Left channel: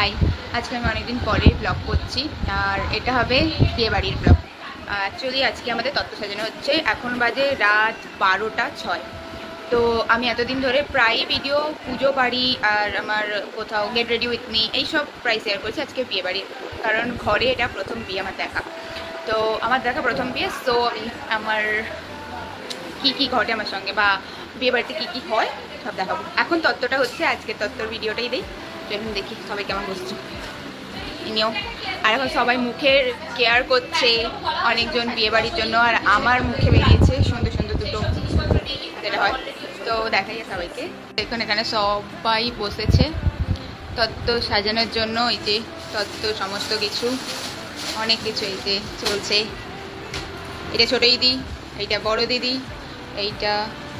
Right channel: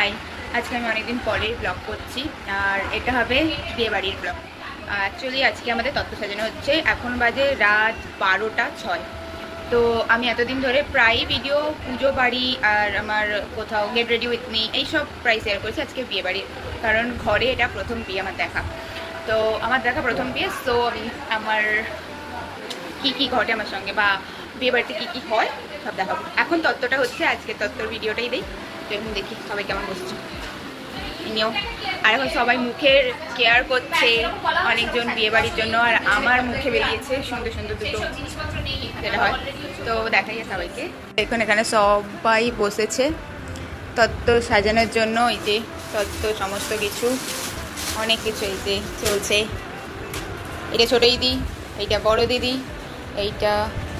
High, আজকে আমি অনেকদিন পরে ব্লগ করছি আর এটা হবে বিয়ে বাড়ির ব্লগ। অ্যাকচুয়ালি আজকে আমাদের তত্ত্ব সাজানো হচ্ছে, এখন বাজে রাত 12টা 6। তো আমি এতদিন ধরে প্রায় ভিডিও পুজো বাড়ি আর আমার কোথাও গেট রেডি উইথ মি এইসব প্রায় শেয়ার করেছি। আজকে বিয়ে বাড়ি, কারণ ঘরে এটা প্রথম বিয়ে আমার দেখা। তো আমার দেখা প্রথম বিয়ে, সো আমার কী কী ঘটে আমার সঙ্গে বা বিয়ে বাড়িতে কী কী হয় সব দেখাবো। এখন তত্ত্বটা হচ্ছে, আজকে তত্ত্বর ভিডিওটাই দিই। এখন দেখি সবাই কেমন বসছে নিও। আর এখন সবাই মুখের কেয়ার করছে অনেকজন বিয়ে বাড়ির জন্য, আর আমার মুখে বেরিয়েছে সুন্দর সুন্দর দুটো যেটা হয়। তো দেখা যায় সবাইকে। এখন এখানে সবাই বসেছে তত্ত্ব সাজানোর জন্য। এই যে তত্ত্ব সমস্ত কিছু, অনেক কিছু এই যে চলছে। এটা ছোট দিদি, এইটা বড় দিদি, এইটা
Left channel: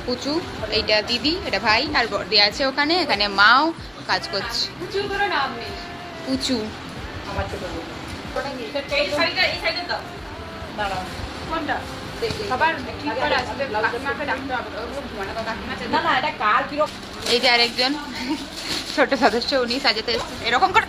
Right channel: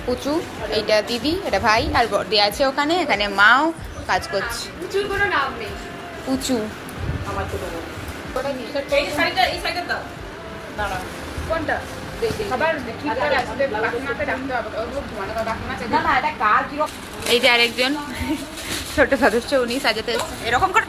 পুচু, এইটা দিদি, এটা ভাই আর বড়দি আছে ওখানে। এখানে মাও কাজ করছে। পুচুর কোনো নাম নেই, পুচু আমার ছোট বোন। কোনটা এই যে আরেকজন ছোট সদস্য, উনি সাজাতে এরকম করে।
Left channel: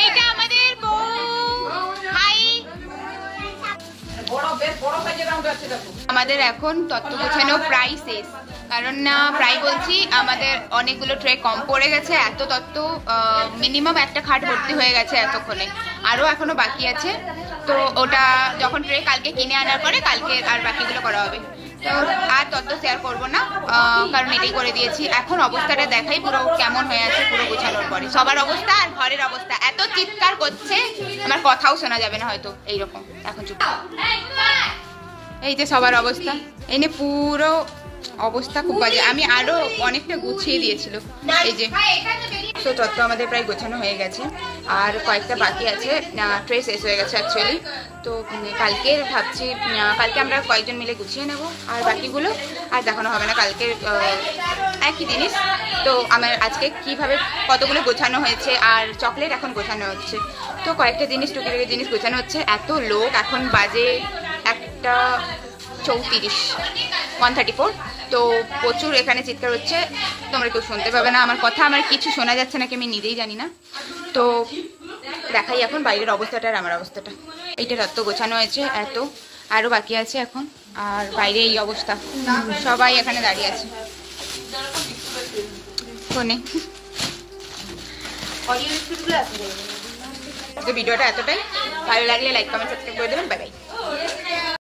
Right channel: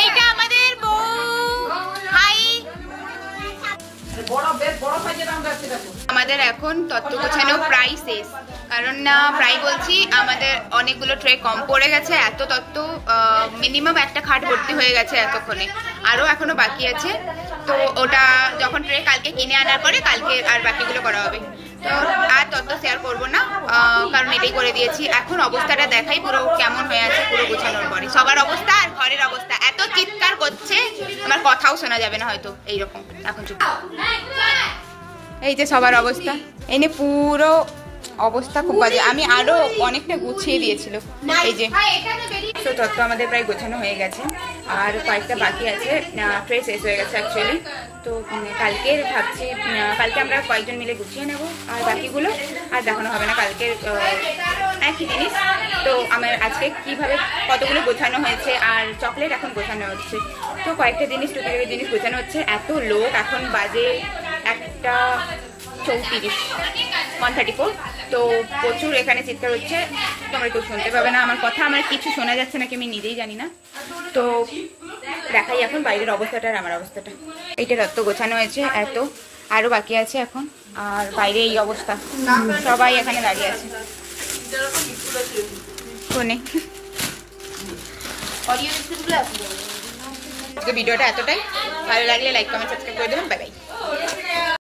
এইটা আমাদের বউ। হাই, আমাদের এখন তত্ত্ব গোছানো প্রায় শেষ, কারণ না প্রায় বলছি আমাদের অনেকগুলো ট্রে কম পড়ে গেছে। এত তত্ত্ব মিনিমাম একটা খাট ভর্তি হয়ে গেছে এতক্ষণে, আরও এখনো বাকি আছে। তো ওটা যখন ট্রে কালকে কিনে আনার পরে কালকে আর বাকিগুলো করা হবে। তো আর তত্ত্ব শেয়ার করবো না, কারণ এটাই করে দিয়েছি। এখন অবস্থাটা দেখাই পুরো কেমন হয়ে আছে পুরো গোছানোর পরে। সবার অবস্থা আর ঘরের অবস্থা, এত চিৎকার করছে আমার কথাও শোনা যাবে না হয়তো এইরকম। এখন চুপ। এই যে সবার অবস্থা, এই নিয়ে পুরো অবস্থা খুব বাজে। আমি আরো অনেকটা গুছিয়ে দিয়েছিল। এই যে তো তত্ত্ব আমাদের প্রায় গোছানো হয়ে গেছে, আর কয়েকটা বাকি আছে। ট্রে শেষ হয়ে গেছে অ্যাকচুয়ালি। তো কালকে ভাবছি, কালকে আমরা কয়েকজন মিলে গুছিয়ে নেব, আর বাকিগুলো আর দেখানো হবে না। কালকে একই জিনিস। তো আমার আজকে কিভাবে কতগুলো গোছানো হয়েছে, আর চকলেট এখন গোছানো হচ্ছে। তো কয়েকটা জিনিস টুকিটাকি জিনিস গোছানো হচ্ছে। এত লোক, এখন বাজে 1:34, 1:34। তো প্রচুর এখানে চিৎকার হচ্ছে, তোমরা কেউ শুনতে পাবে না আমার কথা। আমার কিছু শোনা যাচ্ছে নাকি আমি নিজেই জানি না। তো দেখাই এখন বাইরের অবস্থাটা আর আমার অবস্থাটা। এইটা তত্ত্ব গোছানো হয়েছে, এত আরও বাকি আছে এখন। আর বাইরে এই অবস্থা, সবাই এখানে দাঁড়িয়ে আছে ফোনে। ভিডিওটা এতটাই ভালো লাগলে লাইক কমেন্ট সাবস্ক্রাইব করে দেবেন। Bye bye.